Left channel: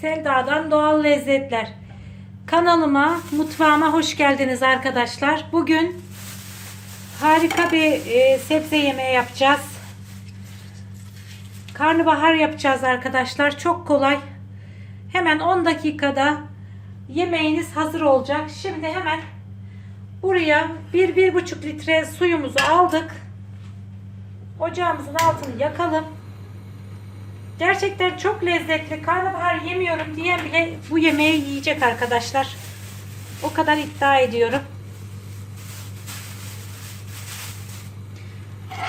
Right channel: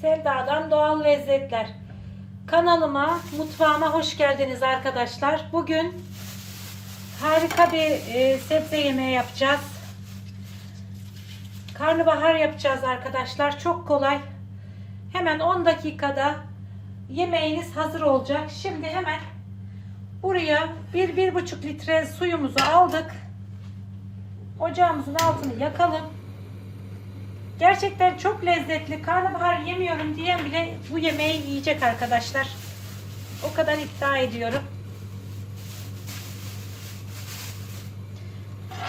Selda'dan Doğal Lezzetler. Kanalıma, mutfağıma hoş geldiniz arkadaşlar. Bugün harika bir e, sebze yemeği yapacağız. Karnabahar yapacağız arkadaşlar. Çok kolay. Hemen 10 dakikada yemeğiniz hazır olacak. Şimdi hemen buraya 1-1,5 litre suyumuzu aldık. Ocağımızın altını yakalım. Gerçekten çok lezzetli. Karnabahar yemiyorum diyen bile bu yemeği yiyecek arkadaşlar. O kadar iddia ediyorum.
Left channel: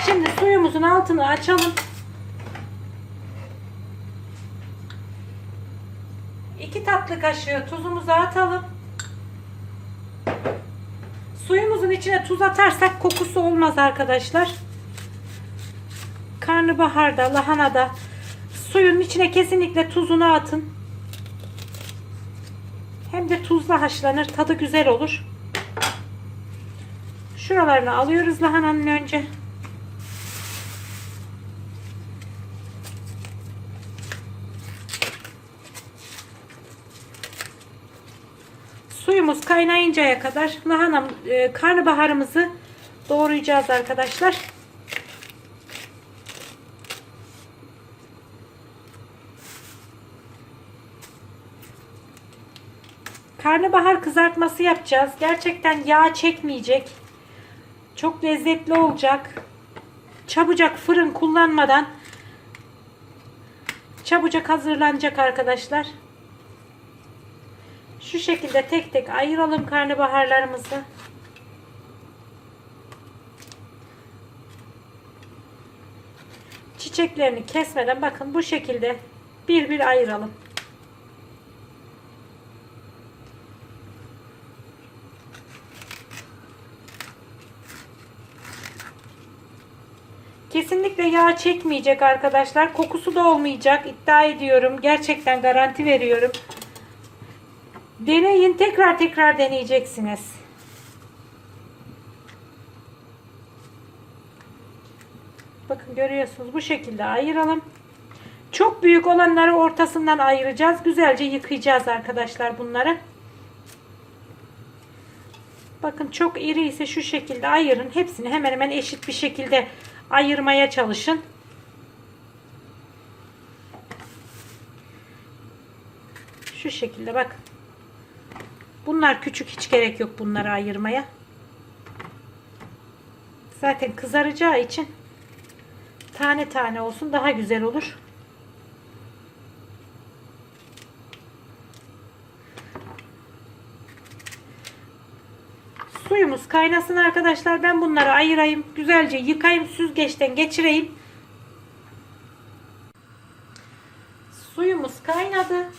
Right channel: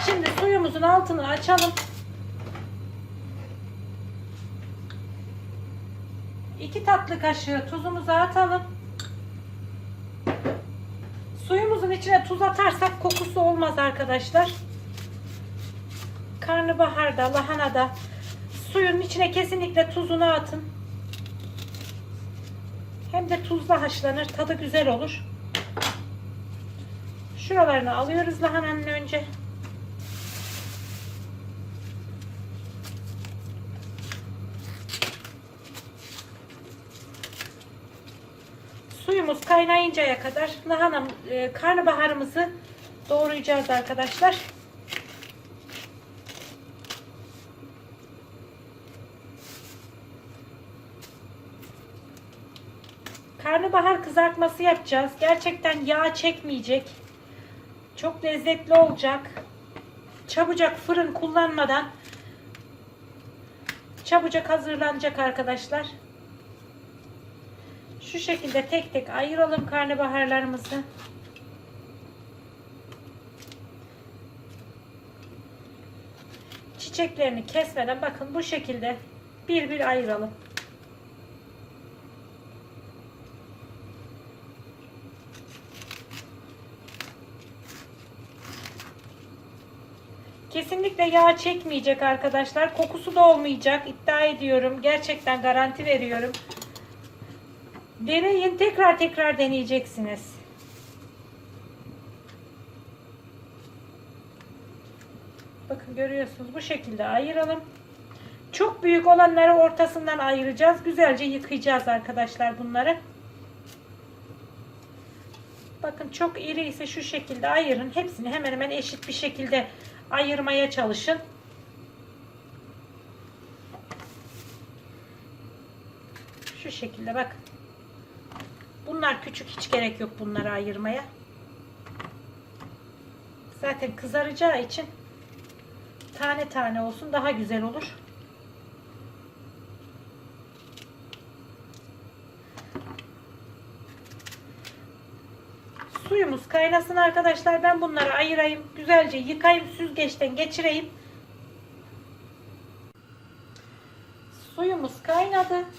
Şimdi suyumuzun altını açalım. 2 tatlı kaşığı tuzumuzu atalım. Suyumuzun içine tuz atarsak kokusu olmaz arkadaşlar. Karnabaharda, lahanada suyun içine kesinlikle tuzunu atın. Hem de tuzla haşlanır. Tadı güzel olur. Şuralarını alıyoruz lahananın önce. Suyumuz kaynayıncaya kadar lahana e, karnabaharımızı doğrayacağız arkadaşlar. Karnabahar kızartması yapacağız. Gerçekten yağ çekmeyecek. Çok lezzetli olacak. Çabucak fırın kullanmadan çabucak hazırlanacak arkadaşlar. Şu şekilde tek tek ayıralım karnabaharlarımızı. Çiçeklerini kesmeden bakın bu şekilde bir bir ayıralım. Kesinlikle yağ çekmeyecek arkadaşlar. Kokusu da olmayacak. iddia ediyorum. Gerçekten garanti veriyorum. Deneyin. Tekrar tekrar deneyeceksiniz. Bakın görüyorsunuz. Bu şekilde ayıralım. Çok büyük olanları ortasından ayıracağız. Güzelce yıkayacağız arkadaşlar bunları. Bakın çok iri ise şu şekilde ayırın. Hepsini hemen hemen eşit bir şekilde ayırmaya çalışın. Şu şekilde bak. Bunlar küçük hiç gerek yok bunları ayırmaya. Zaten kızaracağı için tane tane olsun daha güzel olur. Suyumuz kaynasın arkadaşlar. Ben bunları ayırayım. Güzelce yıkayayım. Süzgeçten geçireyim. Suyumuz kaynadı.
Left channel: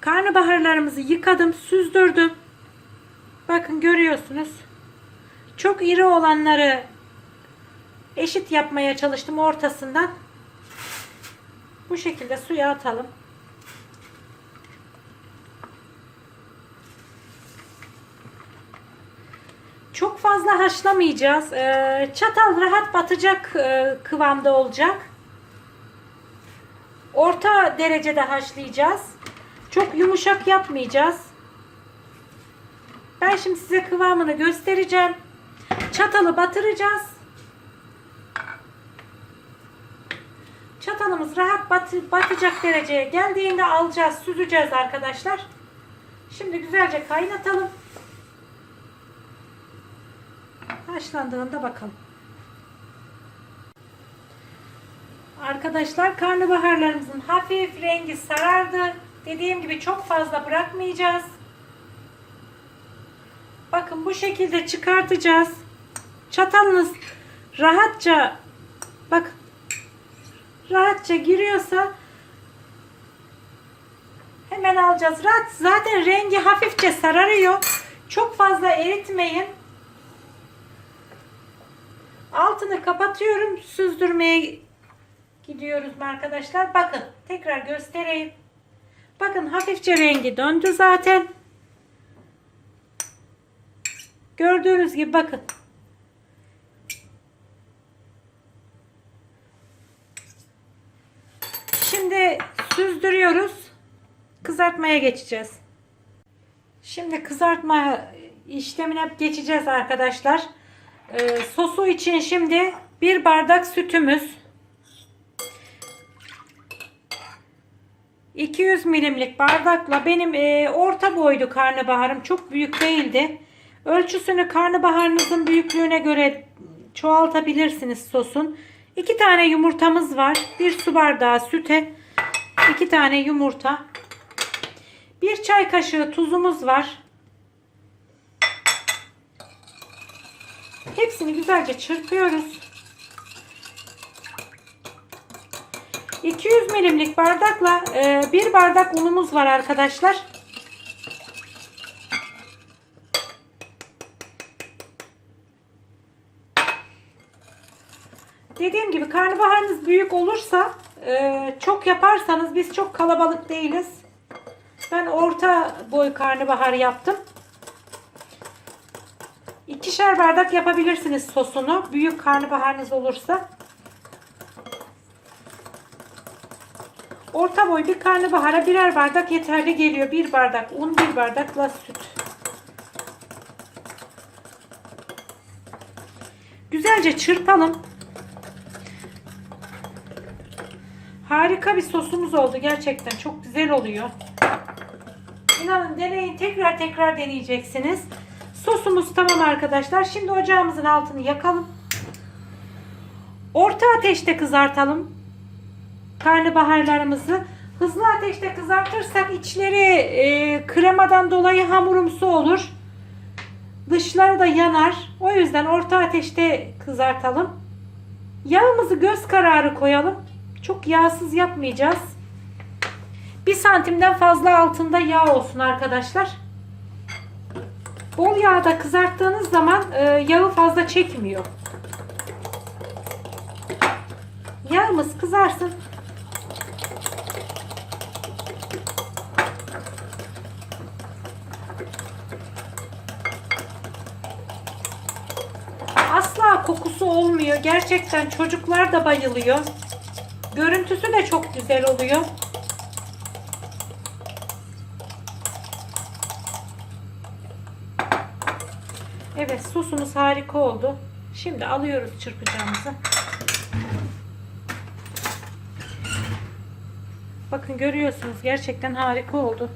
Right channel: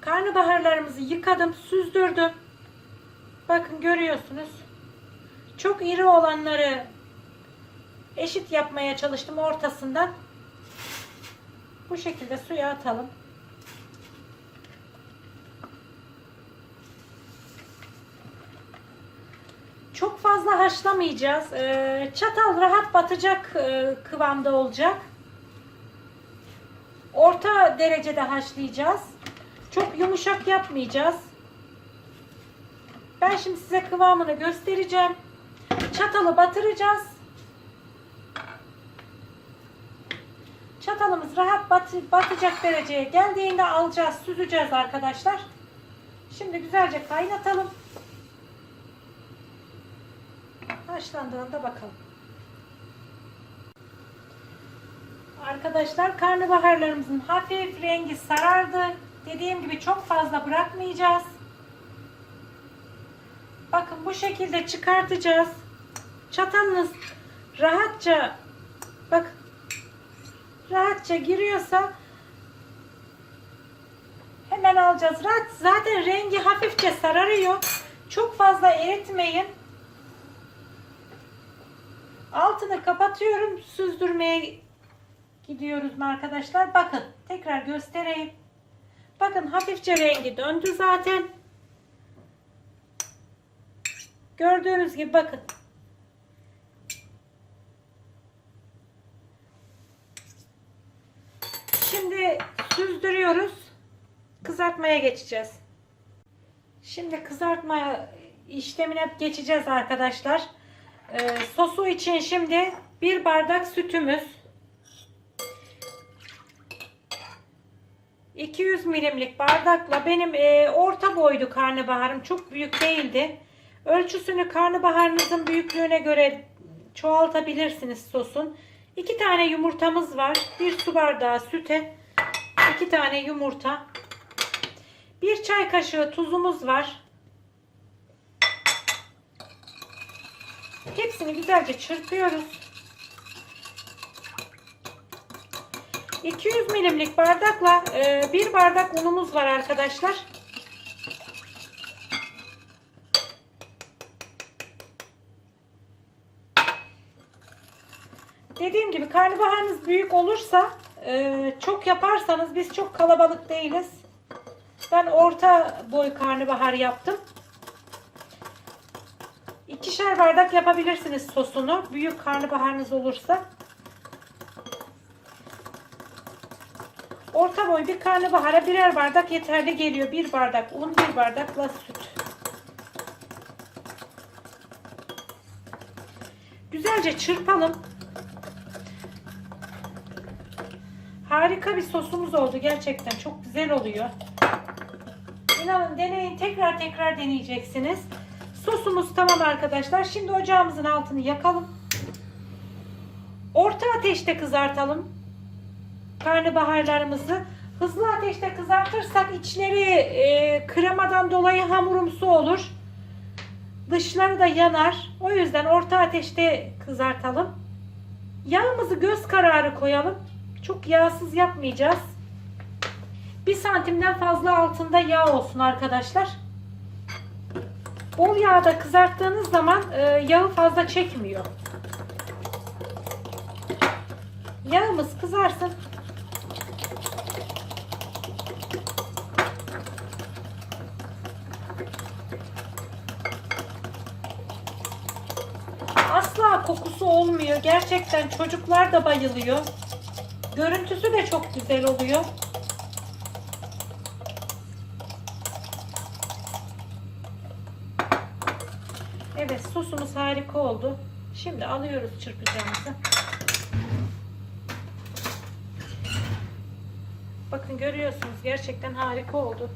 Karnabaharlarımızı yıkadım. Süzdürdüm. Bakın görüyorsunuz. Çok iri olanları eşit yapmaya çalıştım ortasından. Bu şekilde suya atalım. Fazla haşlamayacağız. Ee, Çatal rahat batacak e, kıvamda olacak. Orta derecede haşlayacağız. Çok yumuşak yapmayacağız. Ben şimdi size kıvamını göstereceğim. Çatalı batıracağız. Çatalımız rahat bat batacak dereceye geldiğinde alacağız, süzeceğiz arkadaşlar. Şimdi güzelce kaynatalım. Haşlandığında bakalım. Arkadaşlar karnabaharlarımızın hafif rengi sarardı. Dediğim gibi çok fazla bırakmayacağız. Bakın bu şekilde çıkartacağız. Çatalınız rahatça bak rahatça giriyorsa hemen alacağız. Rahat, zaten rengi hafifçe sararıyor. Çok fazla eritmeyin. Altını kapatıyorum. Süzdürmeye gidiyoruz arkadaşlar? Bakın tekrar göstereyim. Bakın hafifçe rengi döndü zaten. Gördüğünüz gibi bakın. Şimdi süzdürüyoruz. kızartmaya geçeceğiz. Şimdi kızartma işlemine geçeceğiz arkadaşlar. Ee, sosu için şimdi bir bardak sütümüz, 200 milimlik bardakla benim e, orta boylu karnabaharım çok büyük değildi. Ölçüsünü karnabaharınızın büyüklüğüne göre çoğaltabilirsiniz sosun. 2 tane yumurtamız var. 1 su bardağı süte 2 tane yumurta. 1 çay kaşığı tuzumuz var. Hepsini güzelce çırpıyoruz. 200 milimlik bardakla e, bir bardak unumuz var arkadaşlar. Dediğim gibi karnabaharınız büyük olursa e, çok yaparsanız biz çok kalabalık değiliz. Ben orta boy karnabahar yaptım. İkişer bardak yapabilirsiniz sosunu. Büyük karnabaharınız olursa. Orta boy bir karnabahara birer bardak yeterli geliyor. Bir bardak un, bir bardakla süt. Güzelce çırpalım. Harika bir sosumuz oldu. Gerçekten çok güzel oluyor. İnanın deneyin. Tekrar tekrar deneyeceksiniz. Sosumuz tamam arkadaşlar. Şimdi ocağımızın altını yakalım. Orta ateşte kızartalım karnabaharlarımızı. Hızlı ateşte kızartırsak içleri e, kremadan dolayı hamurumsu olur. Dışları da yanar. O yüzden orta ateşte kızartalım. Yağımızı göz kararı koyalım. Çok yağsız yapmayacağız. Bir santimden fazla altında yağ olsun arkadaşlar. Bol yağda kızarttığınız zaman e, yağı fazla çekmiyor. Yağımız kızarsın. Asla kokusu olmuyor. Gerçekten çocuklar da bayılıyor. Görüntüsü de çok güzel oluyor. Evet sosumuz harika oldu. Şimdi alıyoruz çırpacağımızı. Bakın görüyorsunuz gerçekten harika oldu.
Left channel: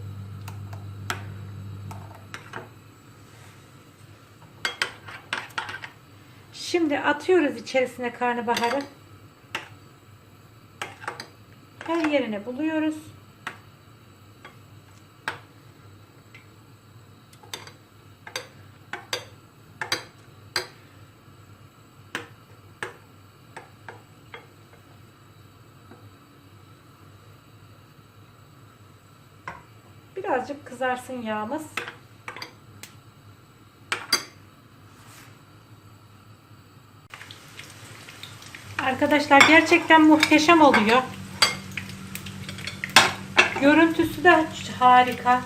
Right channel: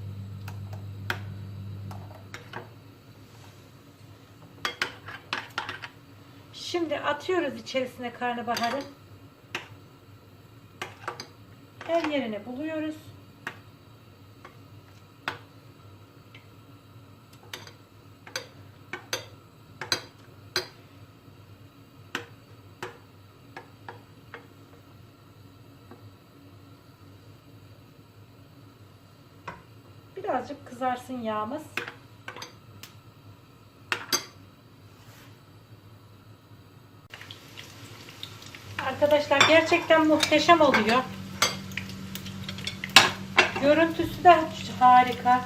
Şimdi atıyoruz içerisine karnabaharı. Her yerine buluyoruz. Birazcık kızarsın yağımız. Arkadaşlar gerçekten muhteşem oluyor. Görüntüsü de harika.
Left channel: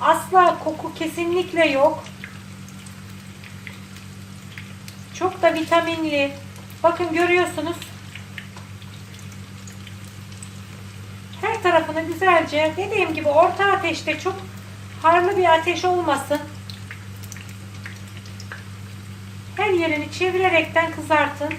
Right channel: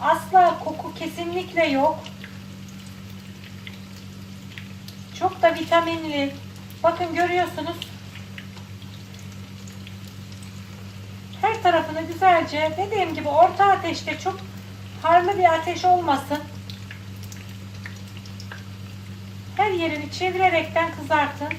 Asla koku kesinlikle yok. Çok da vitaminli. Bakın görüyorsunuz. Her tarafını güzelce dediğim gibi orta ateşte çok harlı bir ateş olmasın. Her yerini çevirerekten kızartın.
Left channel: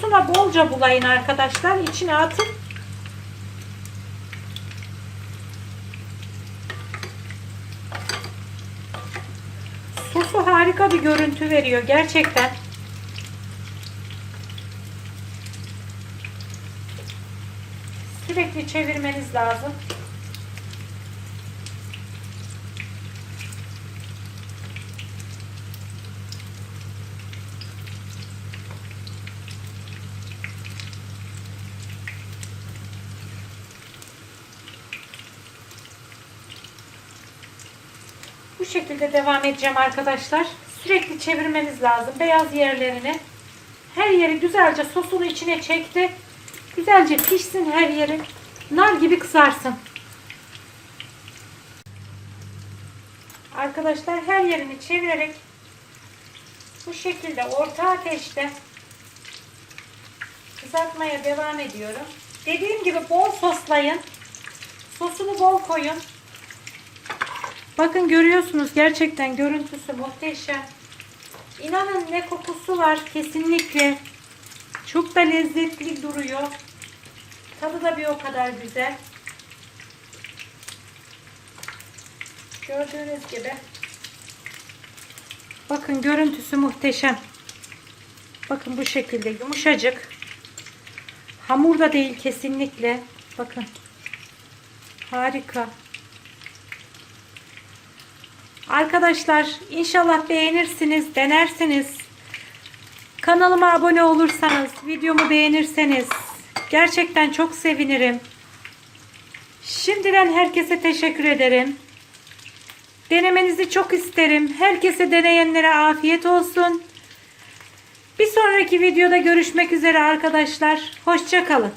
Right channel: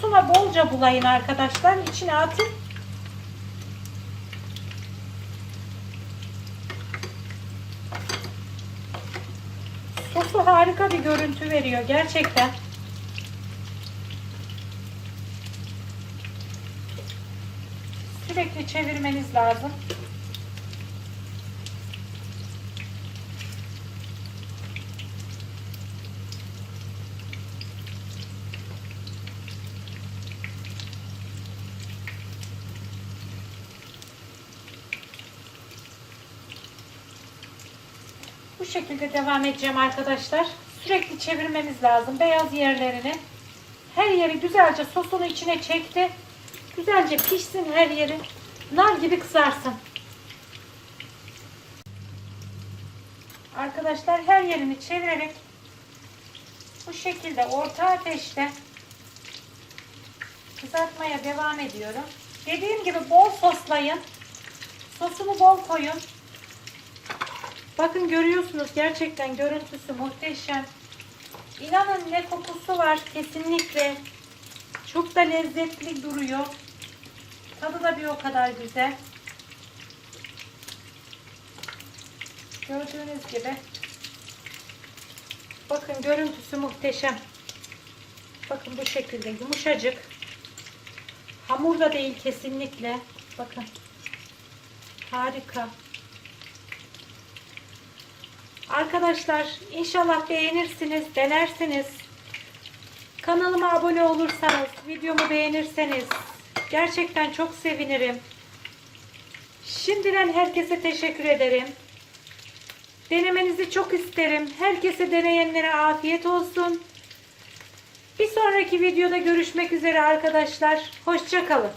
Sosuna bolca bulayın arkadaşlar. İçine atın. Sosu harika bir görüntü veriyor gerçekten. Sürekli çevirmeniz lazım. Bu şekilde devam edeceğim arkadaşlar. Sürekli çevirmeniz lazım. Beyaz yerlerini Her yeri güzelce sosunu içine çekti. Güzelce pişsin her yeri. Nar gibi kızarsın. Arkadaşlar her yerini çevirerek bu şekilde orta ateşte kızartmaya devam ediyorum. Dediğim gibi bol soslayın. Sosunu bol koyun. Bakın görüyorsunuz gerçekten görüntüsü muhteşem. İnanın ne kokusu var kesinlikle. Çok da lezzetli duruyor. Tadı da bir o kadar güzel. Gördüğünüz gibi. Bakın görüntüsü muhteşem. Bakın bu şekilde yumuşacık. Hamur da değil kesinlikle. Bakın. Harika. Arkadaşlar inşallah beğenirsiniz, denersiniz. Kanalıma abone olursanız, videomu beğenirseniz gerçekten çok sevinirim. Şimdiden herkese teşekkür ederim. Denemenizi çok isterim. Herkese deneyenlere afiyet olsun. Bir sonraki videoda görüşmek üzere arkadaşlar. Hoşçakalın.